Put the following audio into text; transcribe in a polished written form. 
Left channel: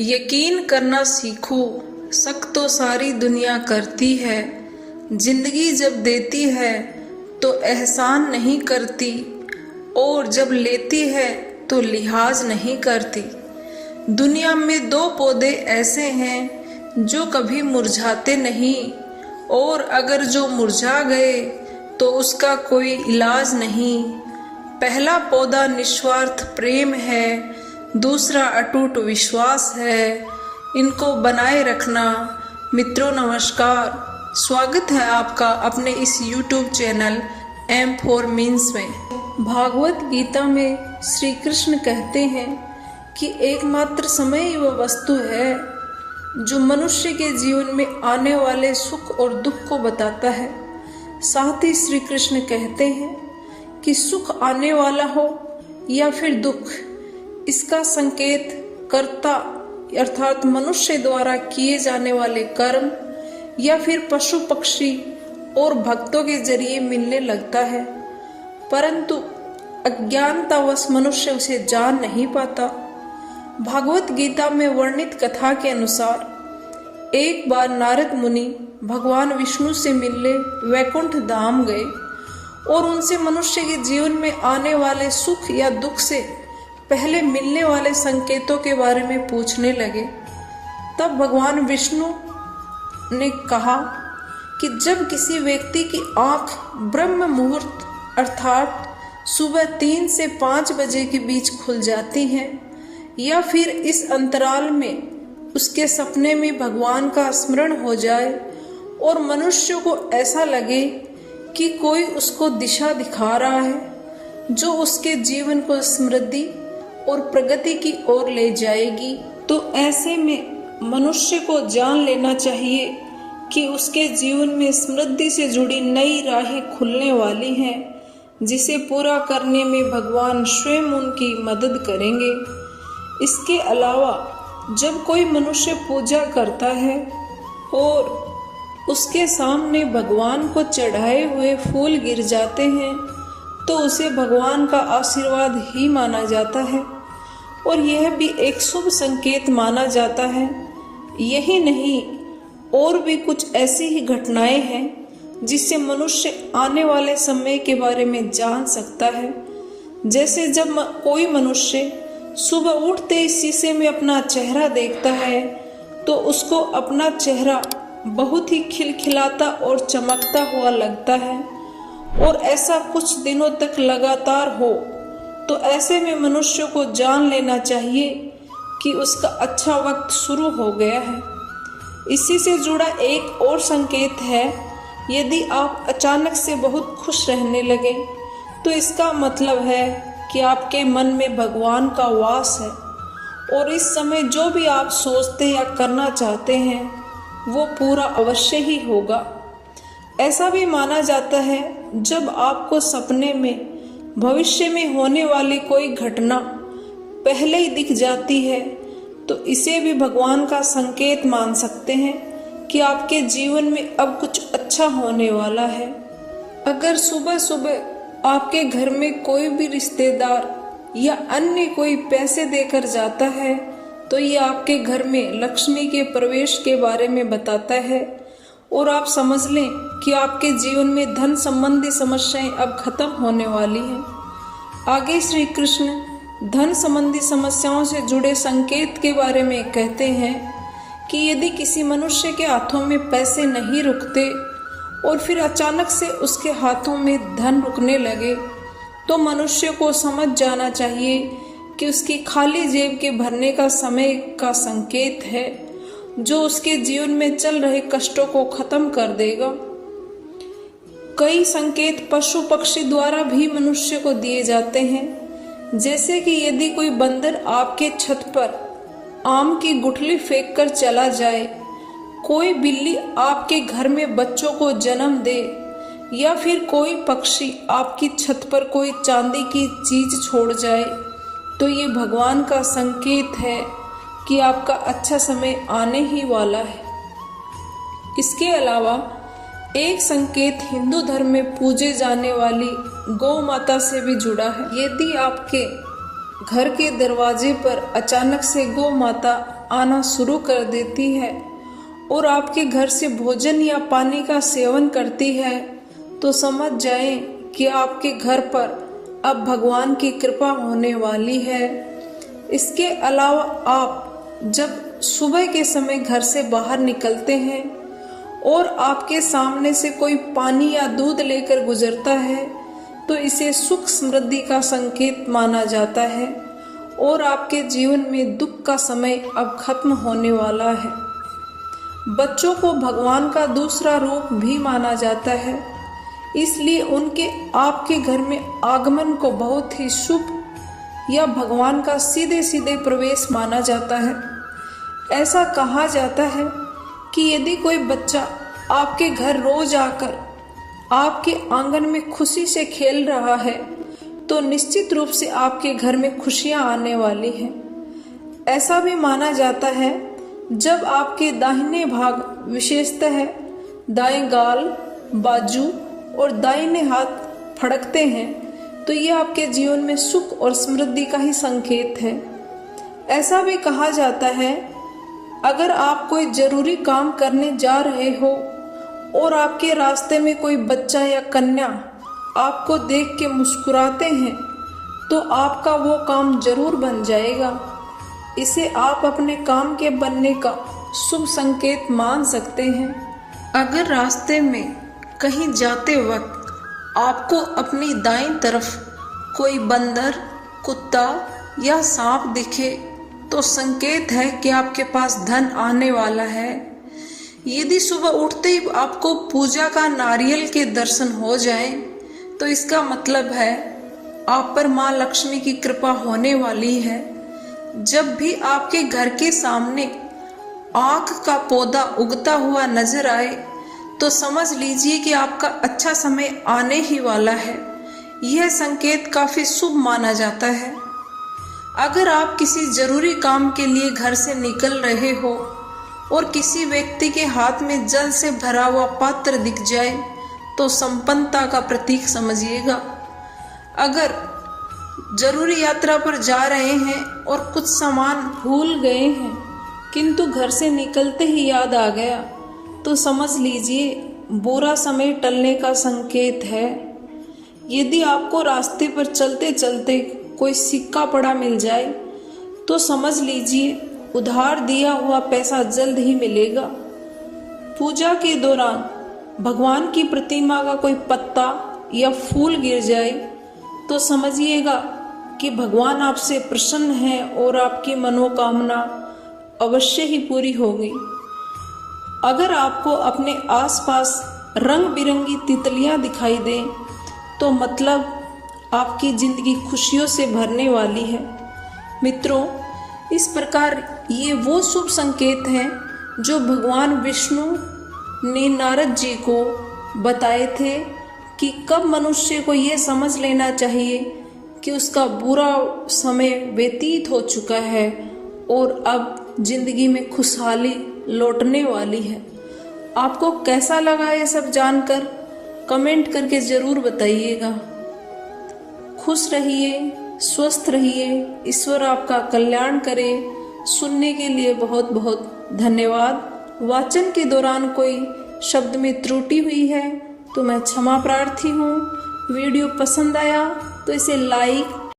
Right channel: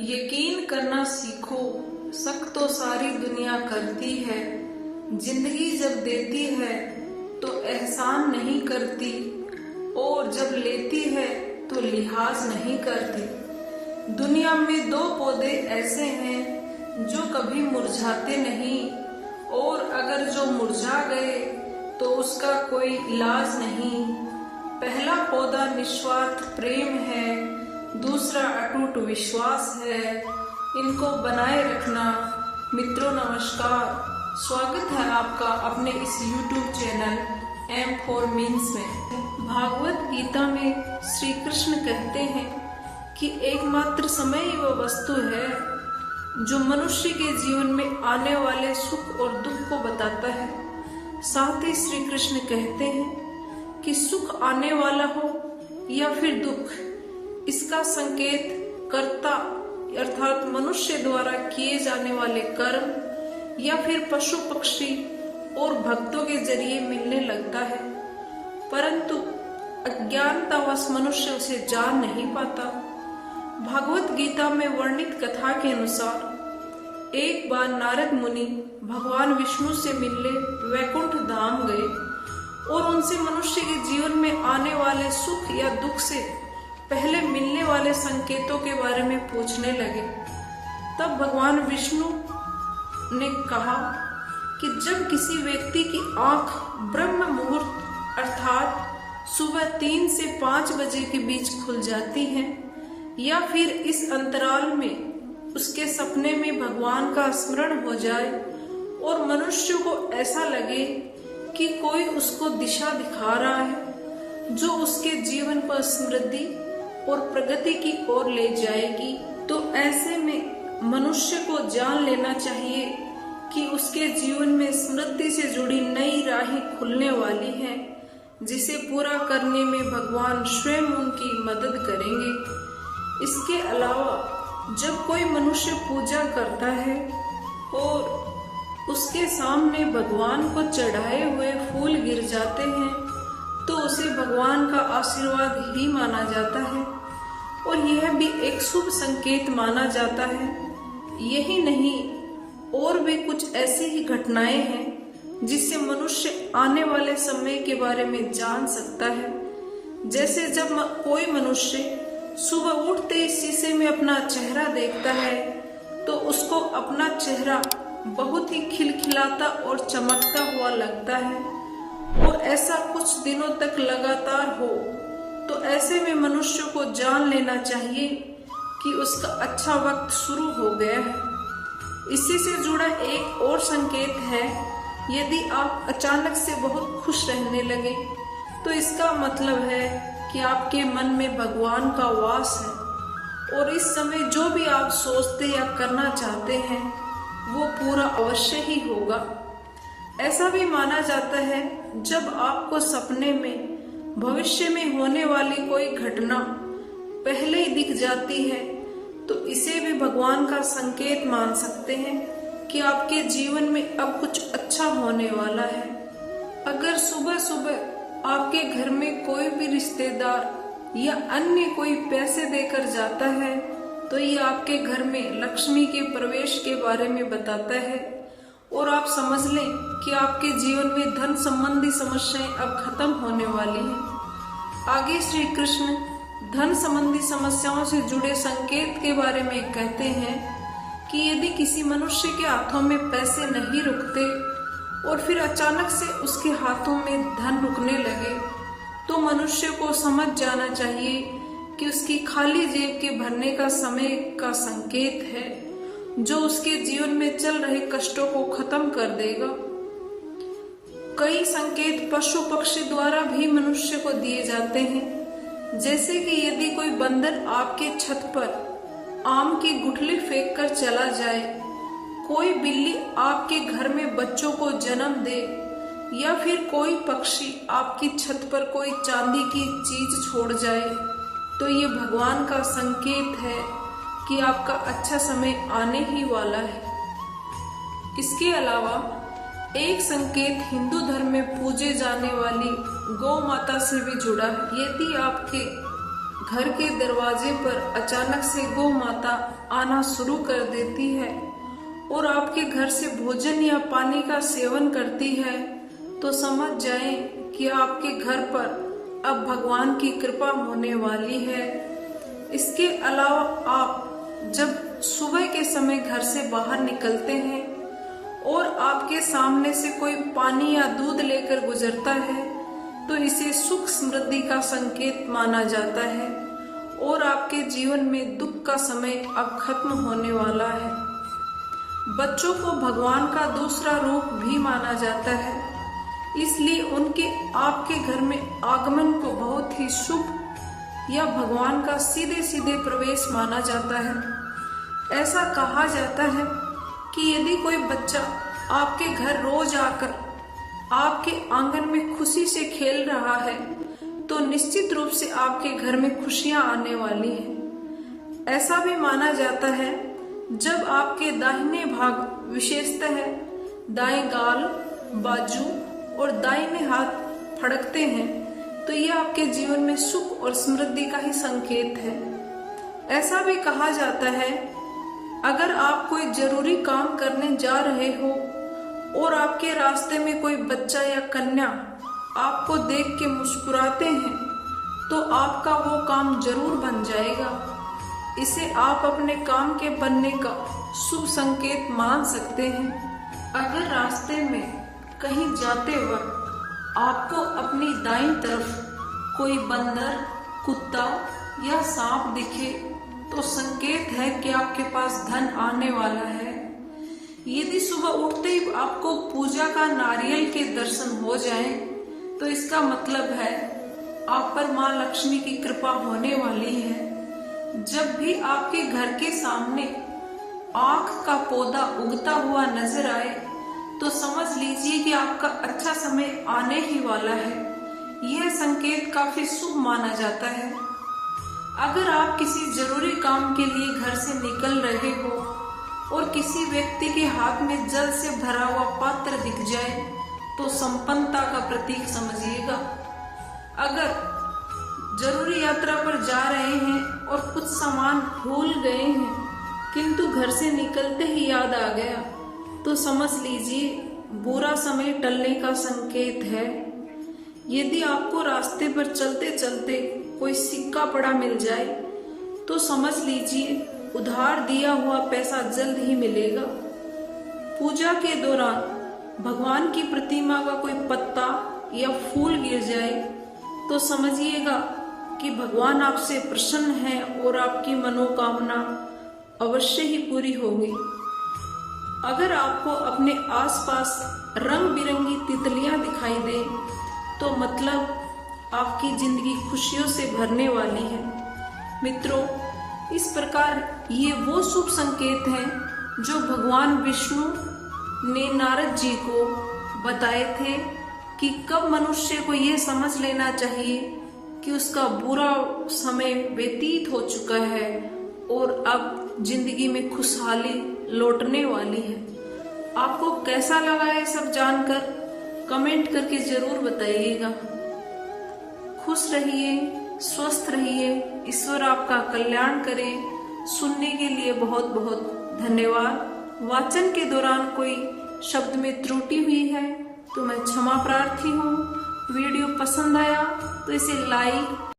यकीन करना सीखो, शक तो सारी दुनिया करती है। जिंदगी जब देती है तो एहसान नहीं करती, और जब लेती है तो लिहाज नहीं करती। दुनिया में दो पौधे ऐसे हैं जो कभी मुरझाते नहीं, और अगर जो मुरझा गए तो उसका कोई इलाज नहीं। पहला पौधा निस्वार्थ प्रेम है, दूसरा अटूट विश्वास है। इनको बनाए रखना। मित्रों नमस्कार, स्वागत है आपका अपने इस YouTube channel M for means में। भागवत गीता में श्री कृष्ण कहते हैं कि एकमात्र समय ही वह वस्तु है जो मनुष्य के जीवन में आने वाले सुख और दुख को बताता है। साथ ही श्री कृष्ण कहते हैं कि सुख आने वाला हो या फिर दुख, इसका संकेत कर्ता अर्थात मनुष्य द्वारा किए जाने वाले कर्म या फिर पशु पक्षी और भक्तों के जरिए मिलने लगता है, परंतु अज्ञानतावश मनुष्य उसे जान नहीं पाता। भागवत गीता में वर्णित कथा के अनुसार एक बार नारद मुनि भगवान विष्णु से मिलने वैकुंठ धाम गए और उनसे मनुष्य के जीवन में आने वाले सुख या दुख से पहले मिलने वाले संकेतों के बारे में पूछने लगे। तब भगवान विष्णु ने कहा कि जब किसी व्यक्ति की आंख ब्रह्म मुहूर्त अर्थात सुबह 3 से 5 बजे के बीच खुल जाती है, या फिर इस अंतराल में उसके सपने में भगवान का स्मरण हो जाए और मनुष्य को ऐसा लगे कि कोई उसको दिशा दिखा रहा है जो उसके जीवन को समृद्धि और प्रगति की ओर ले जाएगी, तो ऐसे में मनुष्य को जान लेना चाहिए कि उसके जीवन में समृद्धि से जुड़ी नई राहें खुलने वाली हैं, जिसे पूरा करने में भगवान स्वयं उनकी मदद करेंगे। इसके अलावा जब कोई मनुष्य पूजा करता है और उसके सामने भगवान को चढ़ाए हुए फूल गिर जाते हैं तो उसे भगवान का आशीर्वाद ही माना जाता है, और यह भी एक शुभ संकेत माना जाता है। यही नहीं, और भी कुछ ऐसी ही घटनाएं हैं जिससे मनुष्य आने वाले समय के बारे में जान सकता है। जैसे जब कोई मनुष्य सुबह उठते ही शीशे में अपना चेहरा देखता है तो उसको अपना चेहरा बहुत ही खिलखिलाता और चमकता हुआ लगता है, और ऐसा कुछ दिनों तक लगातार हो तो ऐसे में मनुष्य को जान लेना चाहिए कि उसका अच्छा वक्त शुरू हो गया है। इसी से जुड़ा एक और संकेत है, यदि आप अचानक से बहुत खुश रहने लगे तो इसका मतलब है कि आपके मन में भगवान का वास है, और इस समय जो भी आप सोचते या करना चाहते हैं वो पूरा अवश्य ही होगा। ऐसा भी माना जाता है जब आपको सपने में भविष्य में होने वाली कोई घटना पहले ही दिख जाती है तो इसे भी भगवान का संकेत मान सकते हैं कि आपके जीवन में अब कुछ अच्छा होने वाला है। अगर सुबह सुबह आपके घर में कोई भी रिश्तेदार या अन्य कोई पैसे देकर जाता है तो ये आपके घर में लक्ष्मी के प्रवेश के बारे में बताता है, और आप समझ लें कि आपके जीवन में धन संबंधी समस्याएं अब खत्म होने वाली हैं। आगे श्री कृष्ण धन संबंधी समस्याओं से जुड़े संकेत के बारे में कहते हैं कि यदि किसी मनुष्य के हाथों में पैसे नहीं रुकते और फिर अचानक से उसके हाथों में धन रुकने लगे तो मनुष्य को समझ जाना चाहिए कि उसकी खाली जेब के भरने का समय का संकेत है, जो उसके जीवन में चल रहे कष्टों को खत्म कर देगा। कई संकेत पशु पक्षी द्वारा भी मनुष्य को दिए जाते हैं, जैसे कि यदि कोई बंदर आपके छत पर आम की गुठली फेंक कर चला जाए, कोई बिल्ली आपके घर में बच्चों को जन्म दे, या फिर कोई पक्षी आपकी छत पर कोई चांदी की चीज छोड़ जाए, तो ये भगवान का संकेत है कि आपका अच्छा समय आने ही वाला है। इसके अलावा एक संकेत हिंदू धर्म में पूजे जाने वाली गौ माता से भी जुड़ा है। यदि आपके घर के दरवाजे पर अचानक से गौ माता आना शुरू कर देती है और आपके घर से भोजन या पानी का सेवन करती है, तो समझ जाएं कि आपके घर पर अब भगवान की कृपा होने वाली है। इसके अलावा आप जब सुबह के समय घर से बाहर निकलते हैं और आपके सामने से कोई पानी या दूध लेकर गुजरता है, तो इसे सुख समृद्धि का संकेत माना जाता है और आपके जीवन में दुख का समय अब खत्म होने वाला है। बच्चों को भगवान का दूसरा रूप भी माना जाता है, इसलिए उनके आपके घर में आगमन को बहुत ही शुभ या भगवान का सीधे सीधे प्रवेश माना जाता है। ऐसा कहा जाता है कि यदि कोई बच्चा आपके घर रोज आकर आपके आंगन में खुशी से खेल रहा है, तो निश्चित रूप से आपके घर में खुशियां आने वाली हैं। ऐसा भी माना जाता है जब आपके दाहिने भाग विशेषतः दाएं गाल, बाजू और दाहिने हाथ फड़कते हैं, तो ये आपके जीवन में सुख और समृद्धि का ही संकेत है। ऐसा भी कहा जाता है अगर आप कोई जरूरी काम करने जा रहे हो और आपके रास्ते में कोई बच्चा या कन्या आपको देख के मुस्कुराते हैं, तो आपका वो काम जरूर बन जाएगा। इसे आप अपने काम के बनने का शुभ संकेत मान सकते हैं। अगर रास्ते में कहीं जाते वक्त आपको अपनी दाईं तरफ कोई बंदर, कुत्ता या सांप दिखे, तो संकेत है कि आपके पास धन आने वाला है। यदि सुबह उठते ही आपको पूजा का नारियल के दर्शन हो जाएं, तो इसका मतलब है आप पर माँ लक्ष्मी की कृपा होने वाली है। जब भी आपके घर के सामने आक का पौधा उगता हुआ नजर आए, तो समझ लीजिए कि आपका अच्छा समय आने ही वाला है। यह संकेत काफी शुभ माना जाता है। अगर आप किसी जरूरी काम के लिए घर से निकल रहे हो और किसी व्यक्ति के हाथ में जल से भरा हुआ पात्र दिख जाए, तो संपन्नता का प्रतीक समझिएगा। अगर जरूरी यात्रा पर जा रहे हैं और कुछ सामान भूल गए हैं, किंतु घर से निकलते ही याद आ गया, तो समझ लीजिए बुरा समय टलने का संकेत है। यदि आपको रास्ते पर चलते चलते कोई सिक्का पड़ा मिल जाए, तो समझ लीजिए उधार दिया हुआ पैसा जल्द ही मिलेगा। पूजा के दौरान भगवान की प्रतिमा का कोई पत्ता या फूल गिर जाए, तो समझिएगा कि भगवान आपसे प्रसन्न है और आपकी मनोकामना अवश्य ही पूरी होगी। अगर आपको अपने आसपास रंग बिरंगी तितलियां दिखाई दें, तो मतलब आपकी जिंदगी खुशियों से भरने वाली है। मित्रों, इस प्रकार ये वो शुभ संकेत हैं जो भगवान विष्णु ने नारद जी को बताए थे कि कब मनुष्य को ये समझ लेना चाहिए कि उसका बुरा समय व्यतीत हो चुका है और अब जिंदगी में खुशहाली लौटने वाली है। आपको कैसा लगा ये सब जानकर? कमेंट करके जरूर बताइएगा। खुश रहिए, स्वस्थ रहिए, ईश्वर आपका कल्याण करे। सुनने के लिए बहुत बहुत धन्यवाद। वाचन के दौरान कोई शब्द में त्रुटि हुई है तो मैं क्षमा प्रार्थी हूँ। वीडियो पसंद आया तो इसे लाइक,